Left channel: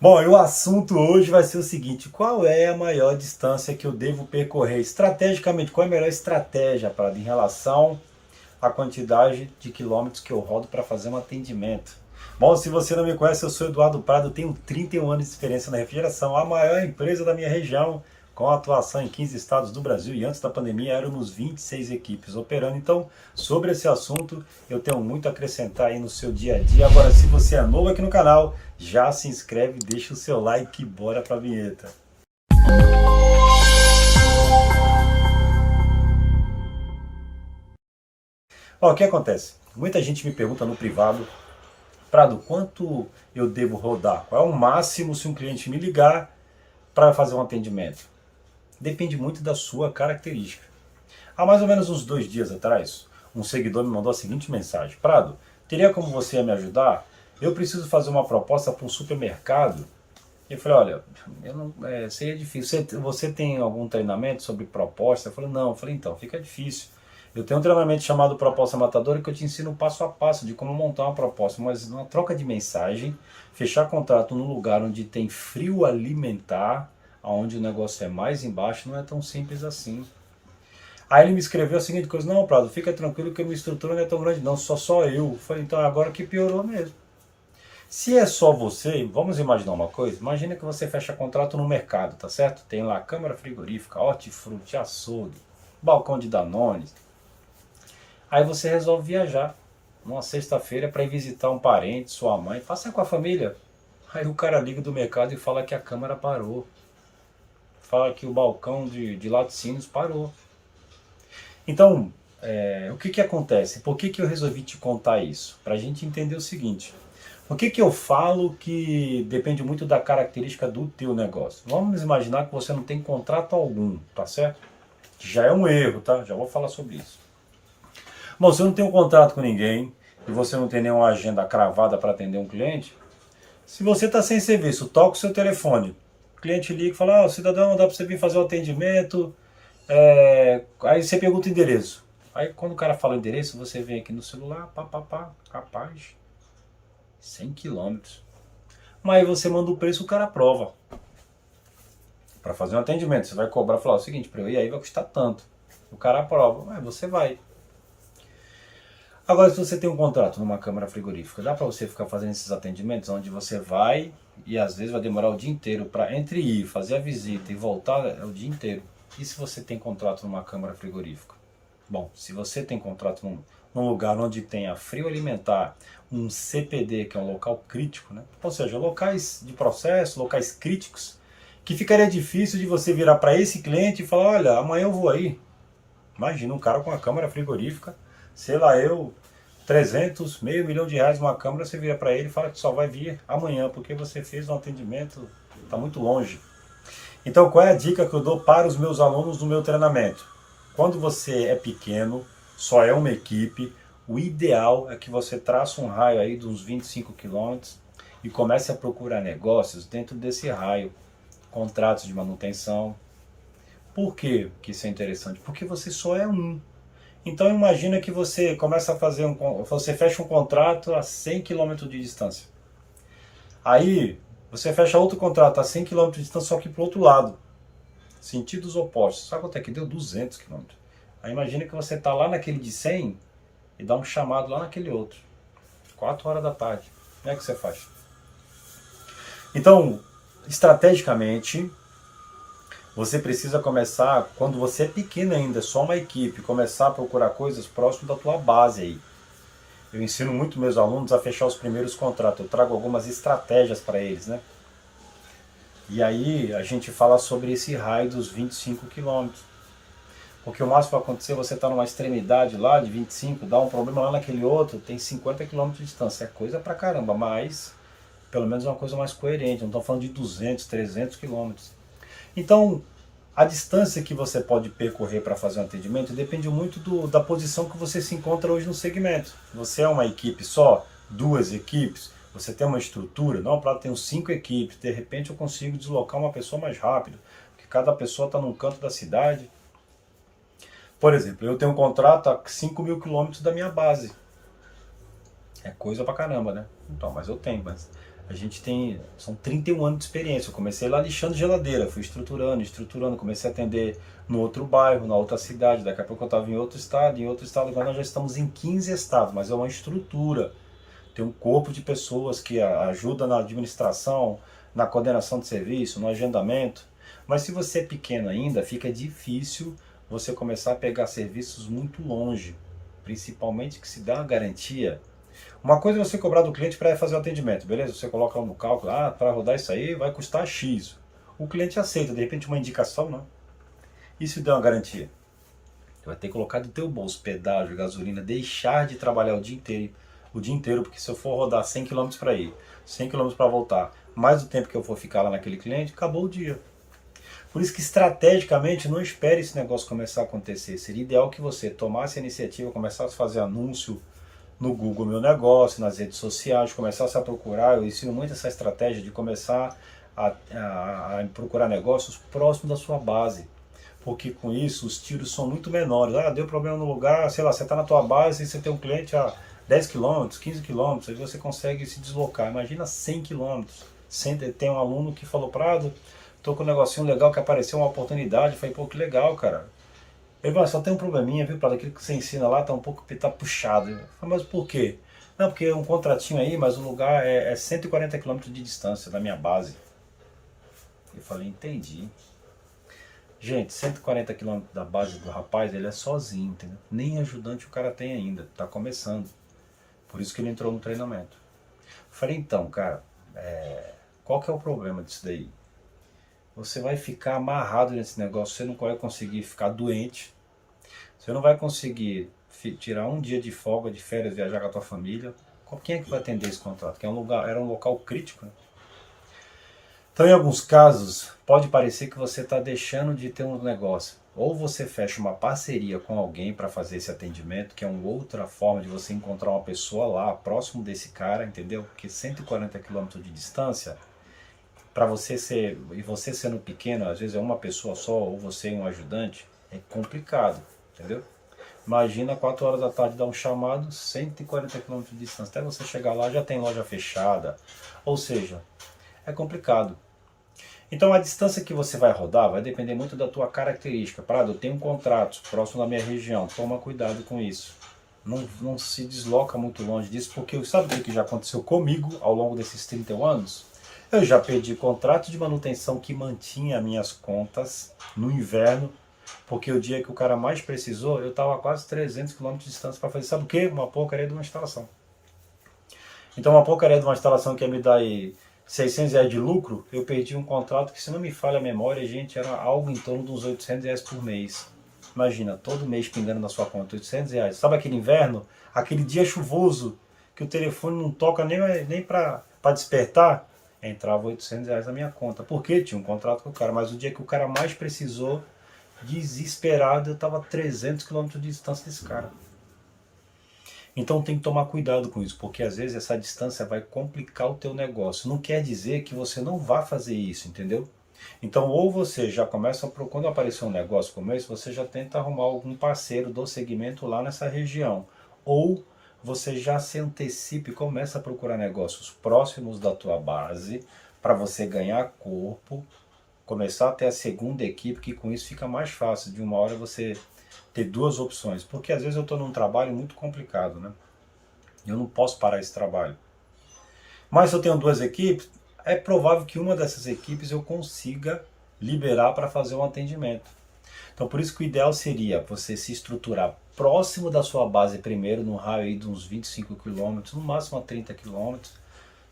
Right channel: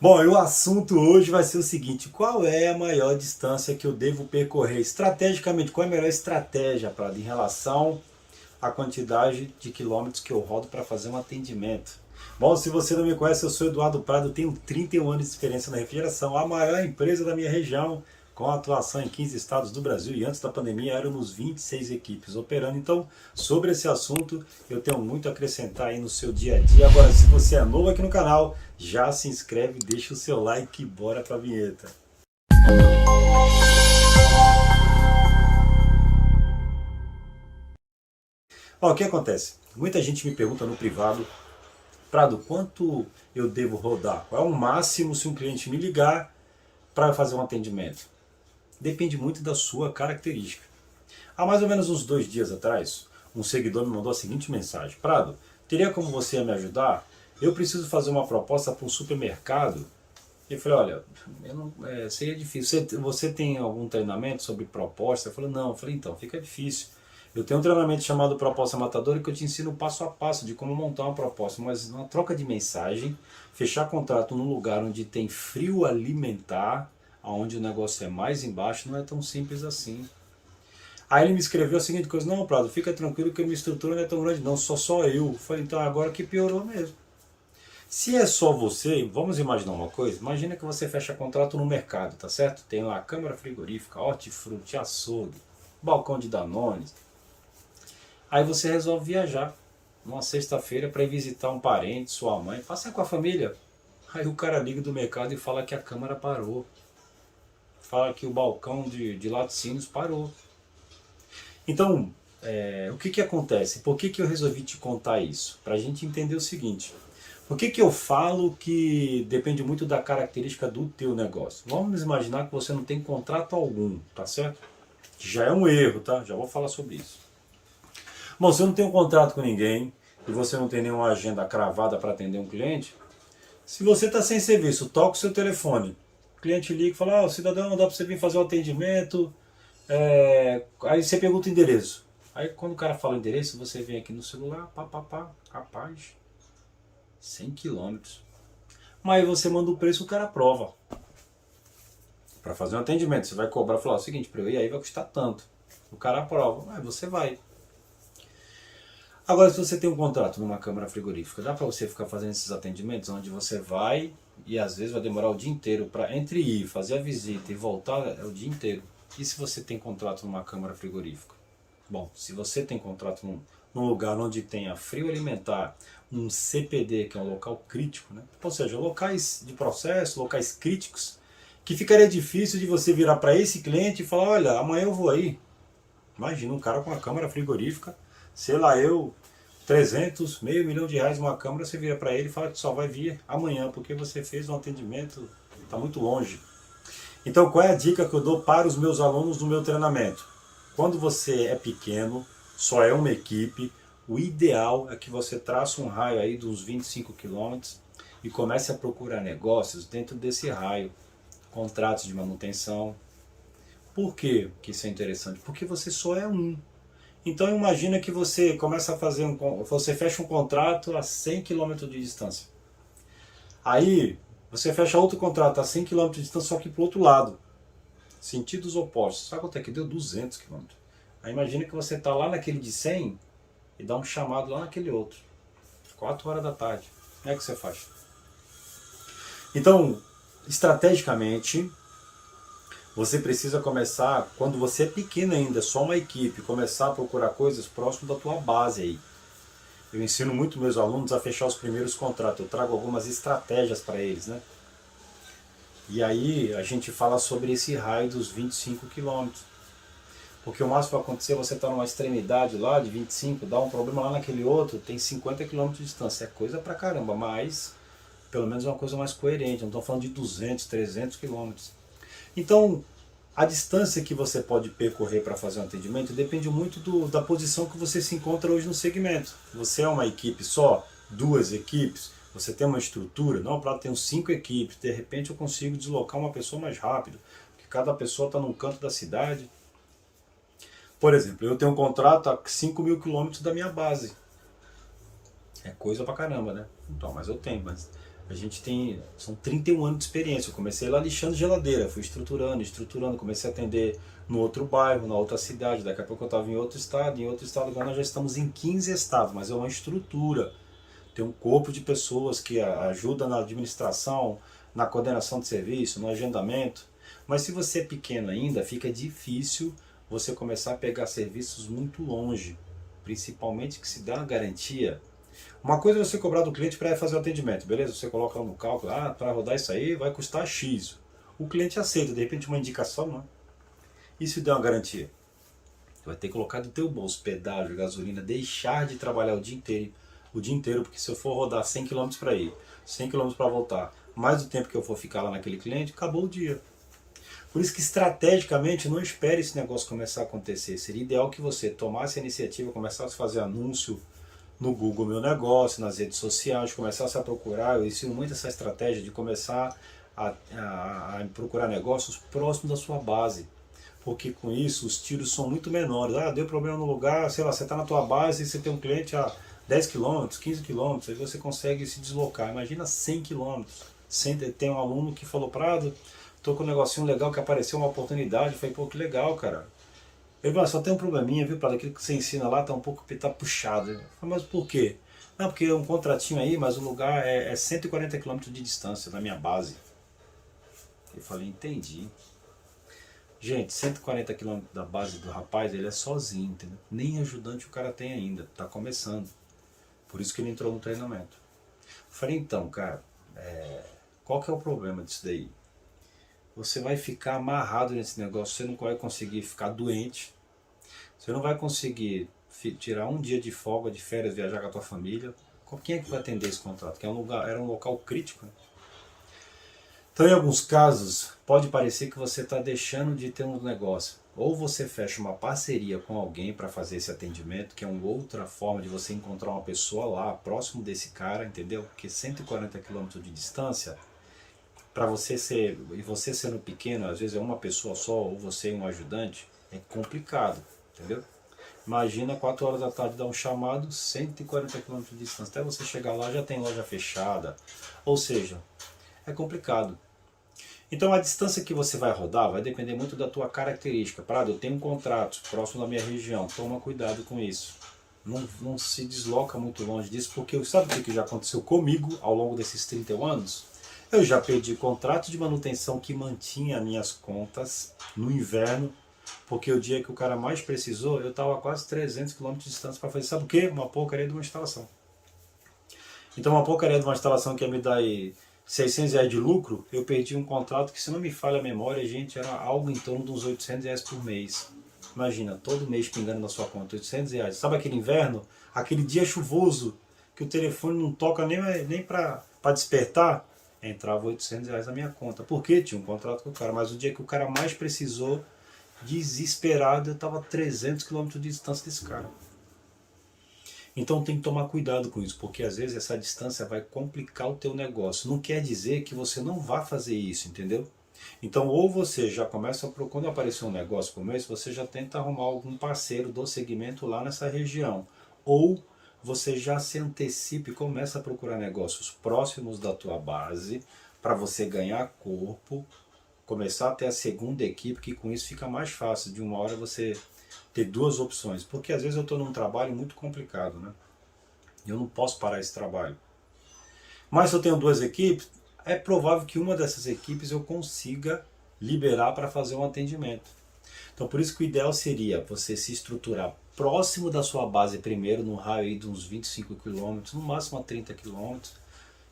Bom, e o assunto hoje vai ser o seguinte: qual é a maior distância que eu devo percorrer? Estrategicamente, qual é a melhor estratégia para em relação à quantidade de quilômetros que eu rodo para fazer um atendimento? Bom, se você não me conhece, eu sou Eduardo Prado, tenho 31 anos de experiência na refrigeração, a maior empresa da minha região, com atuação em 15 estados do Brasil, e antes da pandemia éramos 26 equipes operando. Então, sobre esse assunto, eu tenho muito a acrescentar aí no seu dia a dia. Agora, se você é novo aqui no canal, já se inscreve, deixa o seu like e bora pra vinheta. Ó, o que acontece? Muita gente me pergunta no privado: Prado, quanto eu devo rodar? Qual é o máximo se um cliente me ligar para fazer um atendimento? Depende muito da sua característica. Há mais ou menos uns 2 dias atrás, um seguidor me mandou a seguinte mensagem: Prado, teria como você me ajudar? Eu preciso fazer uma proposta para um supermercado. Eu falei: olha, eu não, seria difícil. Você tem algum treinamento sobre proposta? Eu falei: não. Eu falei: então, fica difícil. Eu tenho um treinamento chamado Proposta Matadora que eu te ensino passo a passo de como montar uma proposta, mas uma troca de mensagem, fechar contrato num lugar onde tem frio alimentar, onde o negócio é mais embaixo, não é tão simples assim. Aí ele me escreveu a seguinte coisa: não, Prado, fica tranquilo que a minha estrutura não é tão grande não, só eu. Eu falei: então agora que piorou mesmo. Se é só você, vamos imaginar uma coisa. Imagina que você fecha contrato no mercado, tá certo? Tem lá câmara frigorífica, hortifruti, açougue, balcão de Danone. Aí você resolve viajar numa sexta-feira para ir visitar um parente, sua mãe, passar com a família. Aí o cara liga do mercado e fala que a câmara parou. Fala que o balcão de laticínios parou. Então, o que acontece? Por que eu resolvi te contar isso? Para a gente entender o seguinte: por que eu falo que depende muito da característica do teu negócio? Vamos imaginar que você não tem contrato algum, tá certo? Já é um erro, tá? Já vou falar sobre isso. Bom, se eu não tenho um contrato com ninguém e você não tem nenhuma agenda cravada para atender um cliente, se você está sem serviço, toca o seu telefone. O cliente liga e fala: cidadão, dá para você vir fazer o atendimento? Aí você pergunta o endereço. Aí quando o cara fala o endereço, você vem aqui no celular, rapaz, 100 quilômetros. Mas aí você manda o preço, o cara aprova. Para fazer um atendimento, você vai cobrar, falar o seguinte: para eu ir aí vai custar tanto. O cara aprova, aí você vai. Agora, se você tem um contrato numa câmara frigorífica, dá para você ficar fazendo esses atendimentos onde você vai e às vezes vai demorar o dia inteiro para entre ir, fazer a visita e voltar, é o dia inteiro. E se você tem contrato numa câmara frigorífica? Bom, se você tem contrato num lugar onde tenha frio alimentar, um CPD, que é um local crítico, né? Ou seja, locais de processo, locais críticos, que ficaria difícil de você virar para esse cliente e falar: olha, amanhã eu vou aí. Imagina um cara com uma câmara frigorífica, sei lá eu, 300, meio milhão de reais uma câmara, você vira para ele e fala que só vai vir amanhã, porque você fez um atendimento, está muito longe. Então, qual é a dica que eu dou para os meus alunos do meu treinamento? Quando você é pequeno, só é uma equipe, o ideal é que você traça um raio aí de uns 25 quilômetros e comece a procurar negócios dentro desse raio, contratos de manutenção. Por quê que isso é interessante? Porque você só é um. Então imagina que você começa a fazer você fecha um contrato a 100 quilômetros de distância. Aí você fecha outro contrato a 100 quilômetros de distância, só que para o outro lado. Sentidos opostos. Sabe quanto é que deu? 200 quilômetros. Aí imagina que você está lá naquele de 100 e dá um chamado lá naquele outro. 4 horas da tarde. Como é que você faz? Então, estrategicamente, você precisa começar, quando você é pequeno ainda, só uma equipe, começar a procurar coisas próximo da tua base aí. Eu ensino muito meus alunos a fechar os primeiros contratos, eu trago algumas estratégias para eles, né? E aí a gente fala sobre esse raio dos 25 quilômetros. Porque o máximo que vai acontecer é você estar numa extremidade lá de 25, dá um problema lá naquele outro, tem 50 quilômetros de distância. É coisa pra caramba, mas pelo menos é uma coisa mais coerente, não estamos falando de 200, 300 quilômetros. Então, a distância que você pode percorrer para fazer um atendimento depende muito da posição que você se encontra hoje no segmento. Você é uma equipe só, 2 equipes, você tem uma estrutura, não, para ter 5 equipes, de repente eu consigo deslocar uma pessoa mais rápido, porque cada pessoa está num canto da cidade. Por exemplo, eu tenho um contrato a 5.000 quilômetros da minha base. É coisa pra caramba, né? Então, mas eu tenho. Mas São 31 anos de experiência. Eu comecei lá lixando geladeira, fui estruturando, comecei a atender no outro bairro, na outra cidade, daqui a pouco eu estava em outro estado, agora nós já estamos em 15 estados, mas é uma estrutura. Tem um corpo de pessoas que ajuda na administração, na coordenação de serviço, no agendamento. Mas se você é pequeno ainda, fica difícil você começar a pegar serviços muito longe, principalmente que se dá uma garantia. Uma coisa é você cobrar do cliente para fazer o atendimento, beleza? Você coloca lá no cálculo, para rodar isso aí vai custar X. O cliente aceita, de repente uma indicação, não. E se der uma garantia? Você vai ter que colocar do teu bolso pedágio, gasolina, deixar de trabalhar o dia inteiro, porque se eu for rodar 100 km para ir, 100 km para voltar, mais o tempo que eu for ficar lá naquele cliente, acabou o dia. Por isso que estrategicamente não espere esse negócio começar a acontecer. Seria ideal que você tomasse a iniciativa, começasse a fazer anúncio no Google Meu Negócio, nas redes sociais, começasse a procurar. Eu ensino muito essa estratégia de começar a procurar negócios próximos da sua base. Porque com isso os tiros são muito menores. Deu problema no lugar, sei lá, você está na tua base e você tem um cliente a 10 km, 15 km, aí você consegue se deslocar. Imagina 100 km. Tem um aluno que falou, Prado, tô com um negocinho legal que apareceu uma oportunidade. Eu falei, pô, que legal, cara. Ele falou, só tem um probleminha, viu, Prado? Aquilo que você ensina lá tá um pouco puxado. Eu falei, mas por quê? Não, porque é um contratinho aí, mas o lugar é 140 km de distância da minha base. Eu falei, entendi. Gente, 140 km da base do rapaz, ele é sozinho, entendeu? Nem ajudante o cara tem ainda, tá começando. Por isso que ele entrou no treinamento. Falei, então, cara, qual que é o problema disso daí? Você vai ficar amarrado nesse negócio, você não vai conseguir ficar doente, você não vai conseguir tirar um dia de folga, de férias, viajar com a tua família. Quem é que vai atender esse contrato? Que era um local crítico, né? Então, em alguns casos, pode parecer que você está deixando de ter um negócio. Ou você fecha uma parceria com alguém para fazer esse atendimento, que é uma outra forma de você encontrar uma pessoa lá, próximo desse cara, entendeu? Porque 140 km de distância, para você sendo pequeno, às vezes é uma pessoa só, ou você e um ajudante, é complicado, entendeu? Imagina 4 horas da tarde dar um chamado, 140 km de distância. Até você chegar lá já tem loja fechada. Ou seja, é complicado. Então a distância que você vai rodar vai depender muito da tua característica. Prado, eu tenho um contrato próximo da minha região, toma cuidado com isso. Não se desloca muito longe disso, porque sabe o que já aconteceu comigo ao longo desses 31 anos? Eu já perdi contrato de manutenção que mantinha minhas contas no inverno, porque o dia que o cara mais precisou, eu estava a quase 300 km de distância para fazer, sabe o quê? Uma porcaria de uma instalação. Então uma porcaria de uma instalação que ia me dar aí R$600 de lucro, eu perdi um contrato que, se não me falha a memória, gente, era algo em torno de uns R$800 por mês. Imagina, todo mês pingando na sua conta, R$800. Sabe aquele inverno, aquele dia chuvoso, que o telefone não toca nem para despertar? Entrava R$800 na minha conta. Por quê? Tinha um contrato com o cara, mas o dia que o cara mais precisou, desesperado, eu estava a 300 km de distância desse cara. Então tem que tomar cuidado com isso, porque às vezes essa distância vai complicar o teu negócio. Não quer dizer que você não vá fazer isso, entendeu? Então, ou você já começa, quando aparecer um negócio como esse, você já tenta arrumar algum parceiro do segmento lá nessa região. Ou você já se antecipe e começa a procurar negócios próximos da tua base, para você ganhar corpo, começar a ter a segunda equipe, que com isso fica mais fácil de uma hora você ter duas opções, porque às vezes eu estou num trabalho muito complicado, né? Eu não posso parar esse trabalho. Mas se eu tenho duas equipes, é provável que uma dessas equipes eu consiga liberar para fazer um atendimento. Então por isso que o ideal seria você se estruturar próximo da sua base primeiro, num raio aí de uns 25 km, no máximo a 30 km.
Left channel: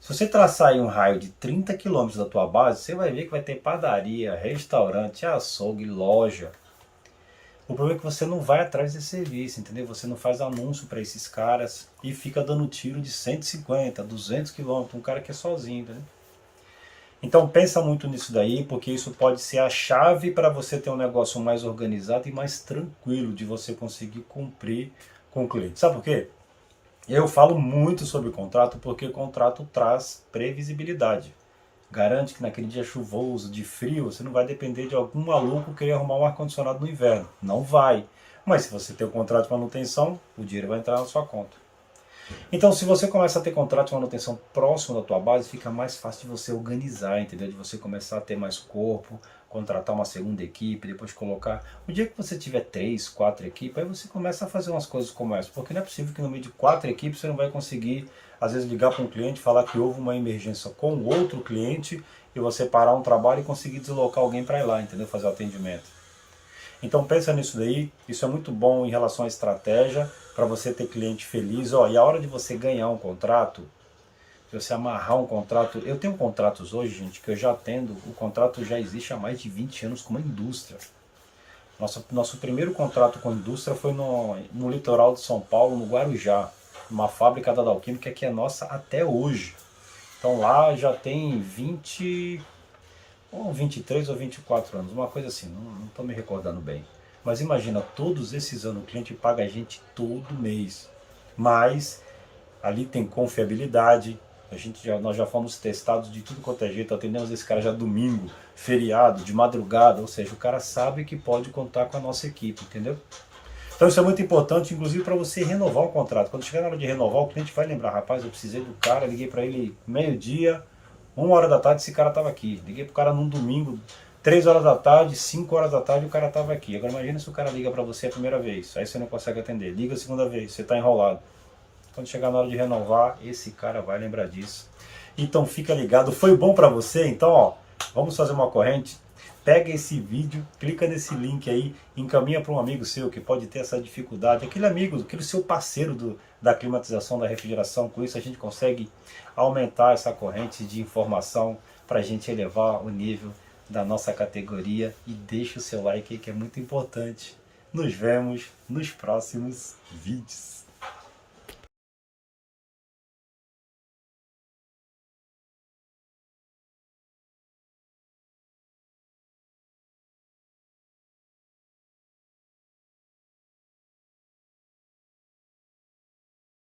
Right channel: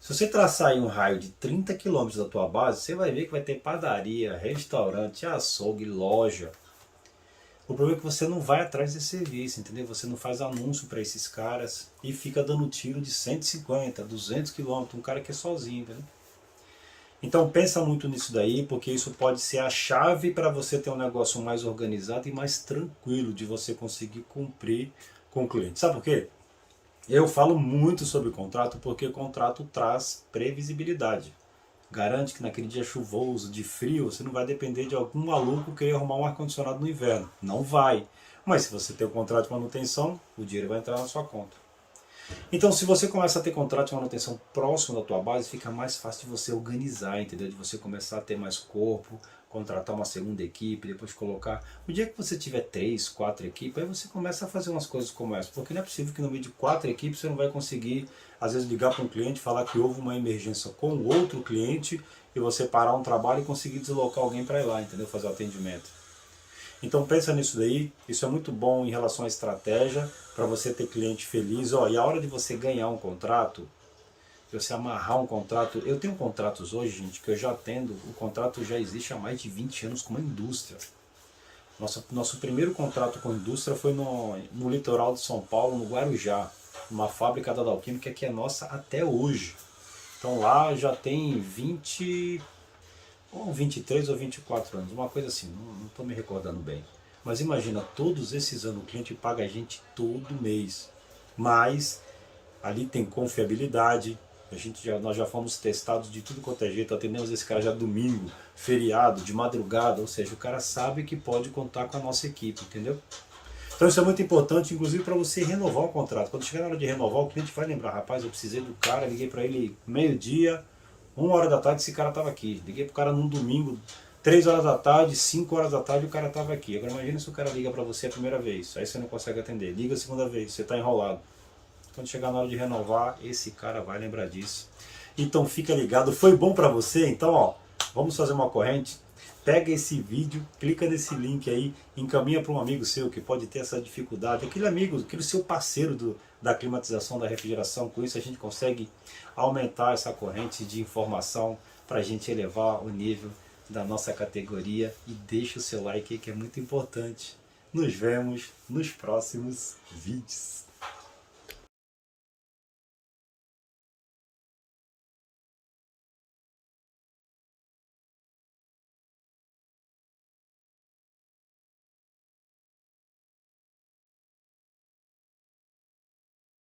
Se você traçar aí um raio de 30 km da tua base, você vai ver que vai ter padaria, restaurante, açougue, loja. O problema é que você não vai atrás desse serviço, entendeu? Você não faz anúncio para esses caras e fica dando tiro de 150, 200 km, um cara que é sozinho, entendeu? Então pensa muito nisso daí, porque isso pode ser a chave para você ter um negócio mais organizado e mais tranquilo de você conseguir cumprir com o cliente. Sabe por quê? Eu falo muito sobre contrato porque contrato traz previsibilidade. Garante que naquele dia chuvoso, de frio, você não vai depender de algum maluco querer arrumar um ar-condicionado no inverno. Não vai. Mas se você tem o contrato de manutenção, o dinheiro vai entrar na sua conta. Então, se você começa a ter contrato de manutenção próximo da tua base, fica mais fácil de você organizar, entendeu? De você começar a ter mais corpo, contratar uma segunda equipe, depois colocar... O dia que você tiver 3, 4 equipes, aí você começa a fazer umas coisas como essa, porque não é possível que no meio de 4 equipes você não vai conseguir, às vezes, ligar para um cliente, falar que houve uma emergência com outro cliente e você parar um trabalho e conseguir deslocar alguém para ir lá, entendeu? Fazer o atendimento. Então pensa nisso daí, isso é muito bom em relação à estratégia, para você ter cliente feliz. Ó, e a hora de você ganhar um contrato, de você amarrar um contrato, eu tenho contratos hoje, gente, que eu já atendo, o contrato já existe há mais de 20 anos com uma indústria. Nosso primeiro contrato com a indústria foi no litoral de São Paulo, no Guarujá, uma fábrica da Dalquímica que é nossa até hoje. Então lá já tem 20, ou 23 ou 24 anos, uma coisa assim, não estou me recordando bem. Mas imagina, todos esses anos o cliente paga a gente todo mês. Mas ali tem confiabilidade, nós já fomos testados de tudo quanto é jeito, atendemos esse cara já domingo, feriado, de madrugada, ou seja, o cara sabe que pode contar com a nossa equipe, entendeu? Então isso é muito importante, inclusive para você renovar o contrato. Quando chegar na hora de renovar, o cliente vai lembrar, rapaz, eu precisei do cara, liguei para ele meio-dia, 1 hora da tarde, esse cara estava aqui. Liguei pro cara num domingo, 3 horas da tarde, 5 horas da tarde, o cara estava aqui. Agora imagina se o cara liga para você a primeira vez, aí você não consegue atender. Liga a segunda vez, você está enrolado. Quando chegar na hora de renovar, esse cara vai lembrar disso. Então fica ligado, foi bom para você? Então, ó, vamos fazer uma corrente. Pega esse vídeo, clica nesse link aí, encaminha para um amigo seu que pode ter essa dificuldade, aquele amigo, aquele seu parceiro da climatização, da refrigeração. Com isso a gente consegue aumentar essa corrente de informação para a gente elevar o nível da nossa categoria. E deixa o seu like aí que é muito importante. Nos vemos nos próximos vídeos.